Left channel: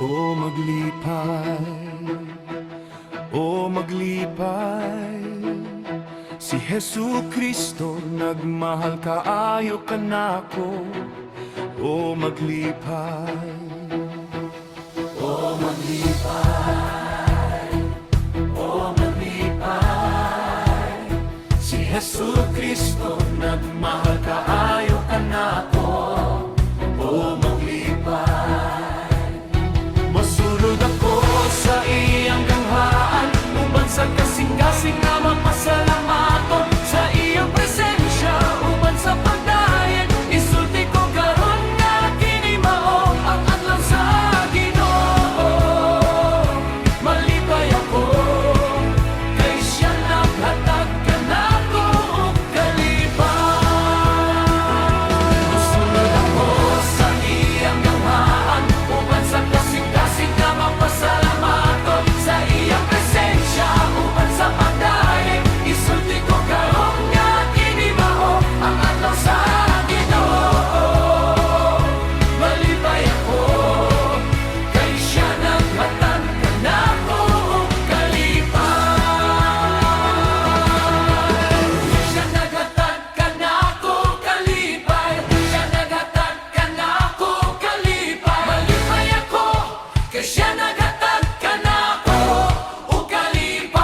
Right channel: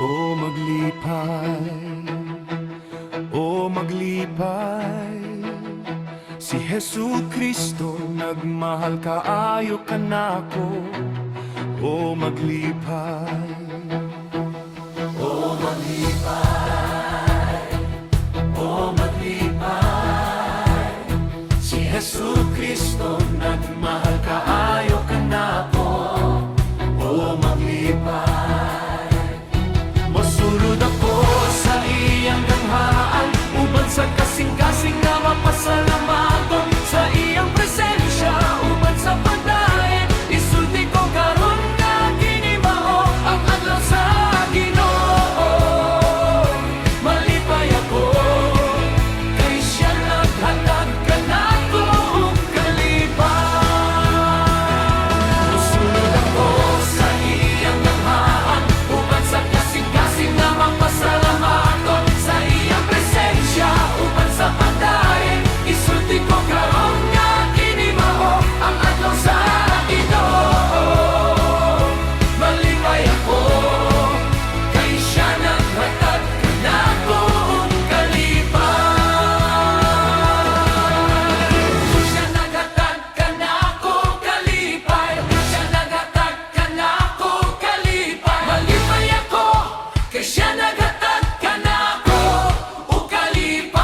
O maglipay, o maglipay, si Jesu Kristo nagmahal kaayo kanako. O maglipay, o maglipay, o maglipay, si Jesu Kristo nagmahal kaayo kanako. O maglipay, masulod ako sa iyang ganghaan, uban sa kasing-kasing nga mapasalamaton, sa iyang presensya, uban sa pagdayen, isulti ko karon nga kinimao ang adlaw sa Ginoo. Malipay ako, kay siya naghatag kanako og kalipay. Masulod ako sa iyang ganghaan, uban sa kasing-kasing nga mapasalamaton, sa iyang presensya, uban sa pagdayen, isulti ko karon nga kinimao ang adlaw sa Ginoo. Malipay ako, kay siya naghatag kanako og kalipay. Siya naghatag kanako og kalipay, siya naghatag kanako og kalipay. Malipay ako, kay siya naghatag kanako og kalipay.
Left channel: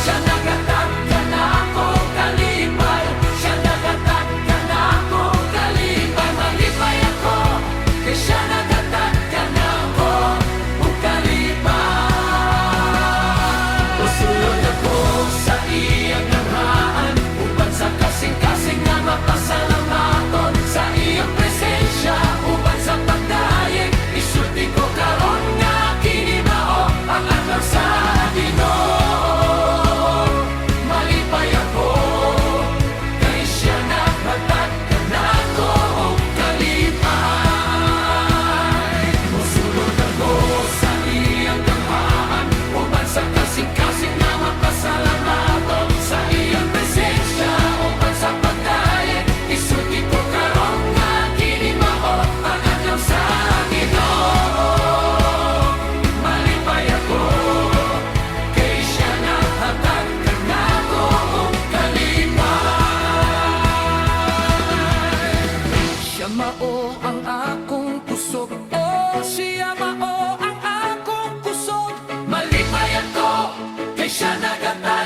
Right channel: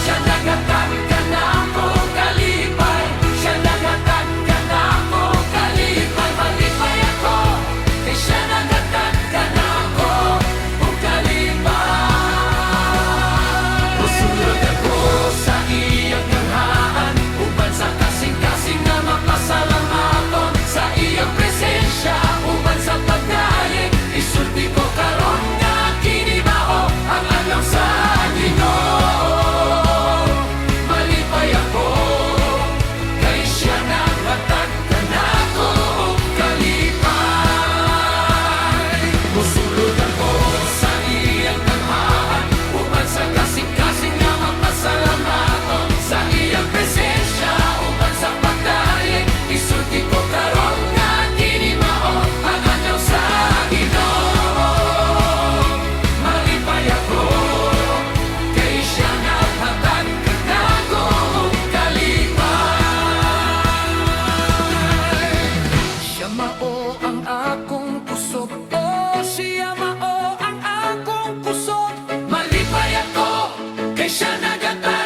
Siya naghatag kanako og kalipay, siya naghatag kanako og kalipay. Malipay ako, kay siya naghatag kanako og kalipay. Usulod ako sa iyang ganghaan, uban sa kasing-kasing nga mapasalamaton, sa iyang presensya, uban sa pagdayeg, isulti ko karon nga kinimao ang adlaw sa Ginoo. Malipay ako, kay siya naghatag kanako og kalipay. Mosulod ako sa iyang ganghaan, uban sa kasing-kasing nga mapasalamaton, sa iyang presensya, uban sa pagdayeg, isulti ko karon nga kinimao ang adlaw sa Ginoo. Malipay ako, kay siya naghatag kanako og kalipay. Siya mao ang akong kusog, oh siya mao ang akong kusog. Malipay ako, kay siya naghatag